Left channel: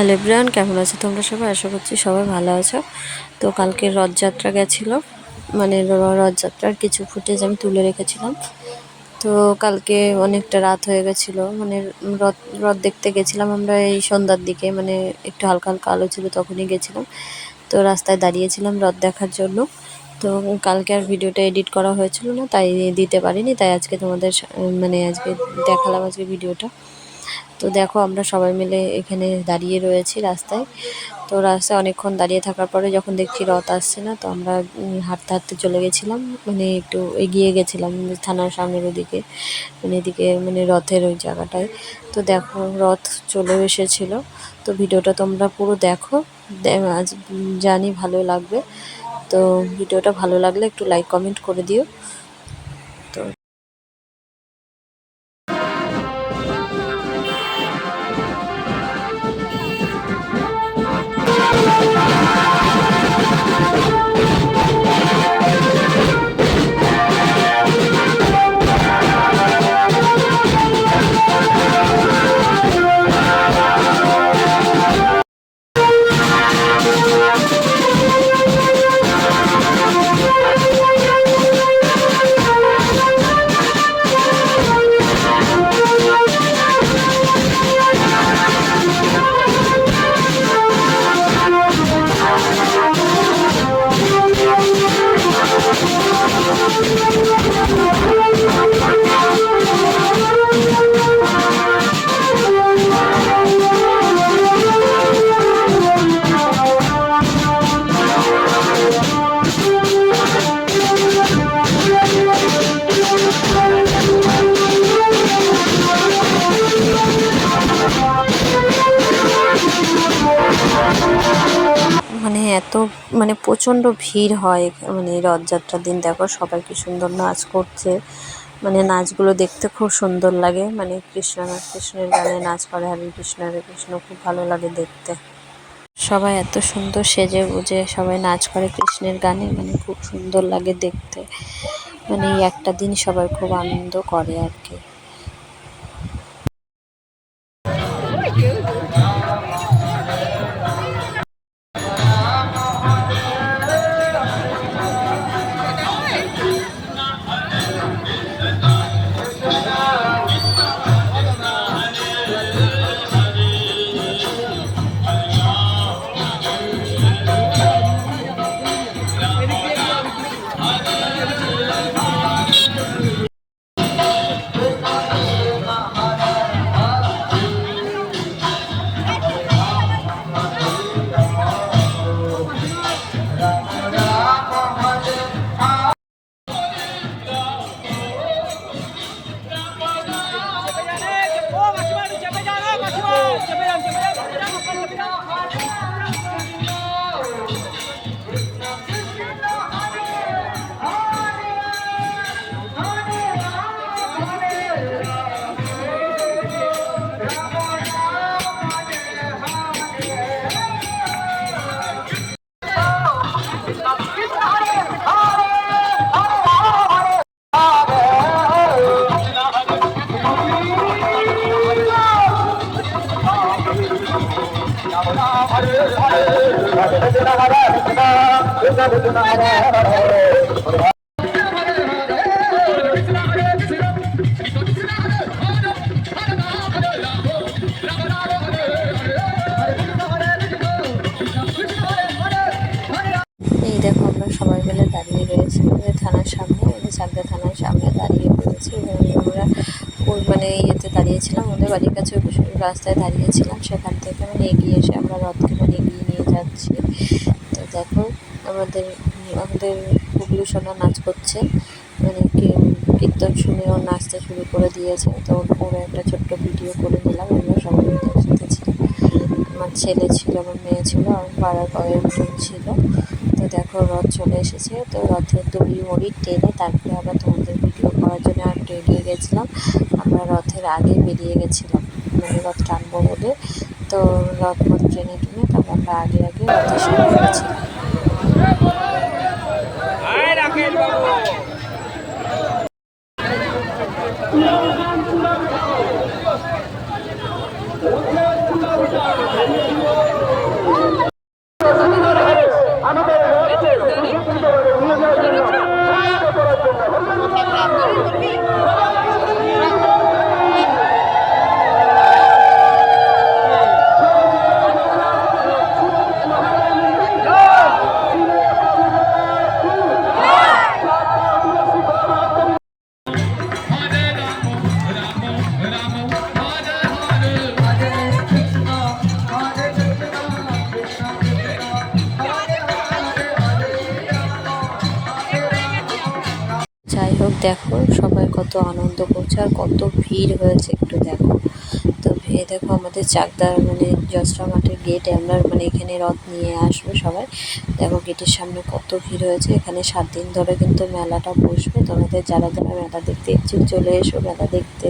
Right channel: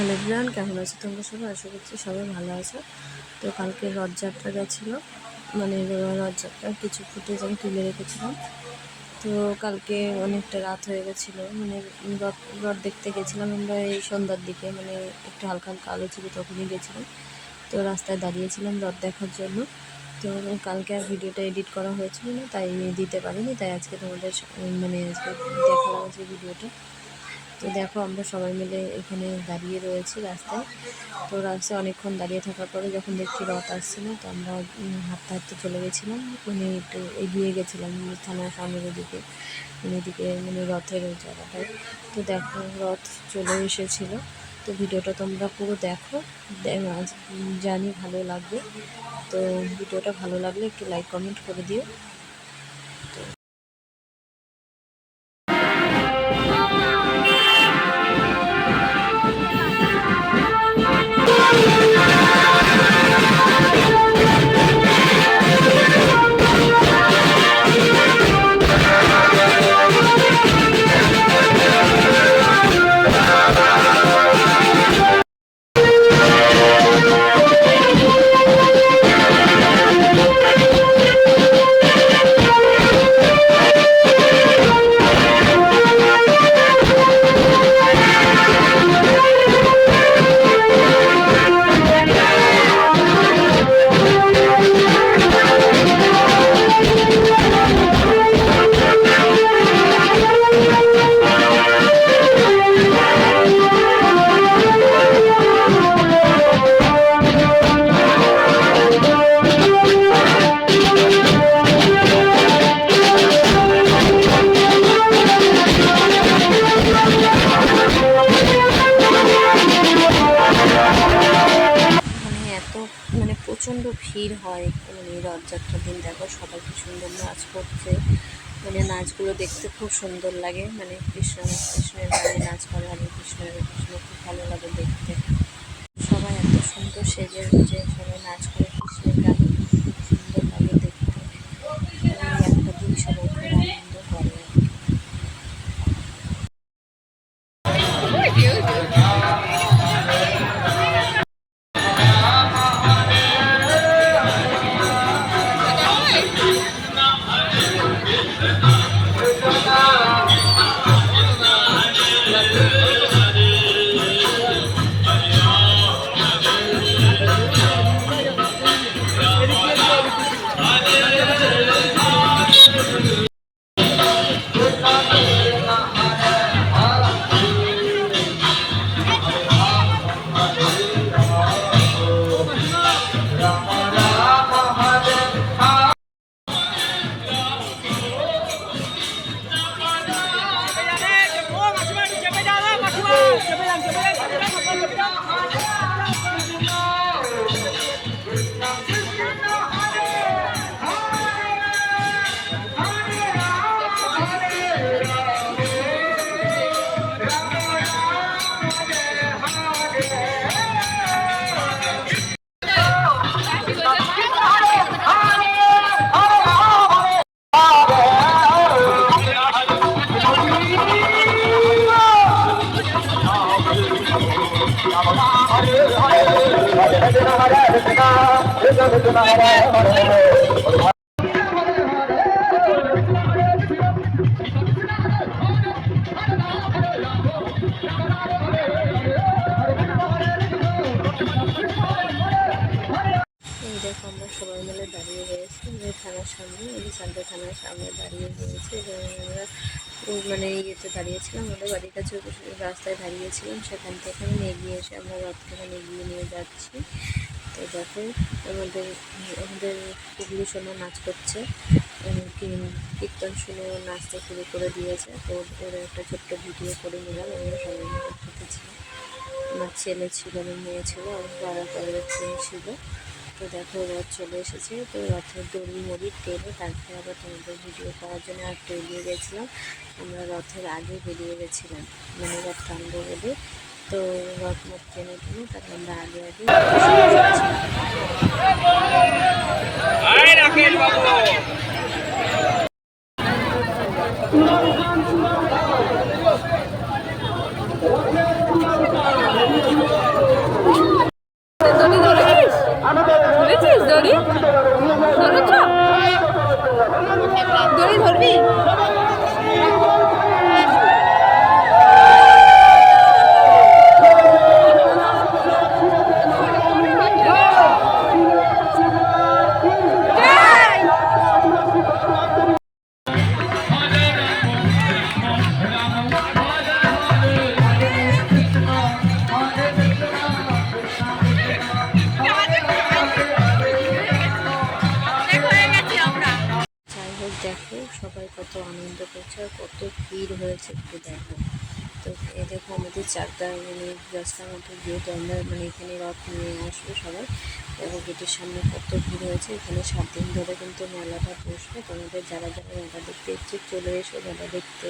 Hello everyone, কেমন আছো তোমরা সবাই? আশা করছি সবাই ভালো আছো। তো কালকে রথযাত্রা গেছিলো, মানে রথযাত্রার কিছু ফুটেজ আমি তুলে রেখেছিলাম। তো কালকে অনেকটা রাত হয়ে গেছিলো, মানে রথ রথ দেখতে গেছিলাম আমরা এই সন্ধ্যার দিকে, মানে একটু হালকা হালকা আলো ছিল তখনই গেছিলাম। তো রাস্তায় দাঁড়িয়েছিলাম রথ দেখার জন্য। তো কালকে আর ভিডিওটা এডিট করা হয়েছিল না, তাই দিতে পারিনি, তাই আজকে তোমাদের মানে আজকে দেখালাম আজকে ভিডিওটা। তো দেখো আমরা সবাই মিলে এখানে দাঁড়িয়ে রয়েছি রাস্তায়। তো রাস্তায় অনেকক্ষণ দাঁড়িয়ে থাকার পরে যখন দেখছি রথ আসছে না, তো আমরা হাঁটতে হাঁটতে চলে গেছিলাম, মানে একটু এগিয়ে গেছিলাম থানার সামনের ওদিকে, মানে এদিকে মানে রথের ওই জায়গাটায়। তো দেখো রথ চলে এসেছিলো। তো ভিডিওটা তোমরা পুরো দেখো, আজ জানি ভালো লাগবে। তো ভিডিওটা ভালো লাগলে একটু লাইক কমেন্ট করে দিও। তো এত মানে প্রচণ্ড ভিড় হয়, মানে রথযাত্রার দিন দেখো সবাই কি সুন্দর নাচ করছে, মানে নাচগুলো দেখতে খুব সুন্দর লাগে, মানে কৃষ্ণের গানে নাচ করে, হরে কৃষ্ণ হরে কৃষ্ণ, খুব ভালো লাগে দেখতে। সবাই এত সুন্দর সেজে গুজে সবাই নাচ করে কৃষ্ণের গানে, মানে খুব সুন্দর লাগে দেখতে, মানে এই একটা দিন সবাই খুব আনন্দ করে আর কি। এই দেখো আমরা সবাই মিলে দাঁড়িয়ে রয়েছি থানার সামনে, চাকদা থানার সামনে দাঁড়িয়ে রয়েছি। আমরা ওই মানে ইয়েতে দাঁড়িয়েছিলাম, আমাদের বাড়ির কাছে রাস্তায় দাঁড়িয়েছিলাম, সেখান থেকে মানে এগিয়ে এসে আমরা রথকে মানে এগিয়ে নিয়ে যাচ্ছি। তো দেখো আমাদের আমাদের পুগলু সোনা নাচ করছে, মানে কীর্তন শুনেও নাচতে শুরু করে দিয়েছে। তো ওর একটা ছোট্ট ভিডিও করে নিলাম, আমরা সবাই একসাথে ছিলাম, আমার ছেলে ছিল, আমার মেয়ে ছিল, আমার পাড়ার কয়েকজন ছিল। তো দেখো রথ চলে এসেছে, তো রথের দড়ি মড়ি টেনে তারপরে আবার তোমাদের ভিডিও করার জন্য একটু এগিয়ে গেছিলাম। আমরা রথের আগে বেরিয়ে গেছিলাম, মানে রথ টানবো বলে। তো রথ মত ট্রেনে টেনে তারপর আমরা আগে আগে শুরু করেছিলাম। দেখো সবাই কত আনন্দ করছে আর কত ভিড় হয়েছে একটু দেখো। তো এই দেখো আমাদের চাকদা মানে জসরা মাঠের গেটে আমরা মানে এখানে রথ নিয়ে আসবো সবাই। দেখো গেটের সামনে কত ভিড় হয়েছে। এখানে 7 দিন ধরে কিন্তু মেলাটা বসবে। তোমাদের যারা যারা মেলা দেখতে ইচ্ছুক চলে এসো মেলা দেখতে।